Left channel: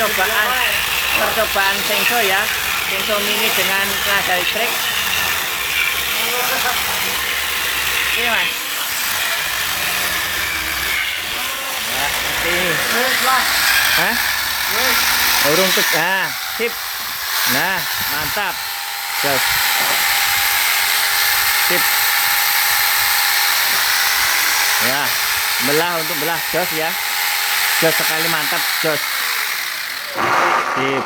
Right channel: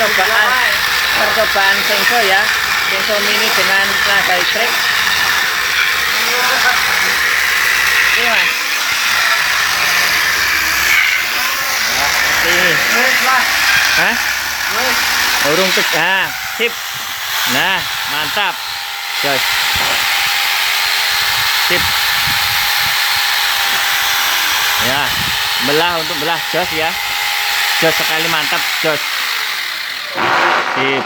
percobaan Sengso ya. Sengso mini dengan tenaga listrik. Ini mas. Ini. Hah? Urung tuh. Nah, sip. Nah, mantap. Jos. Sip. Ya, belah untuk belah jos ya. Jos sekali mantap, jos. Sip.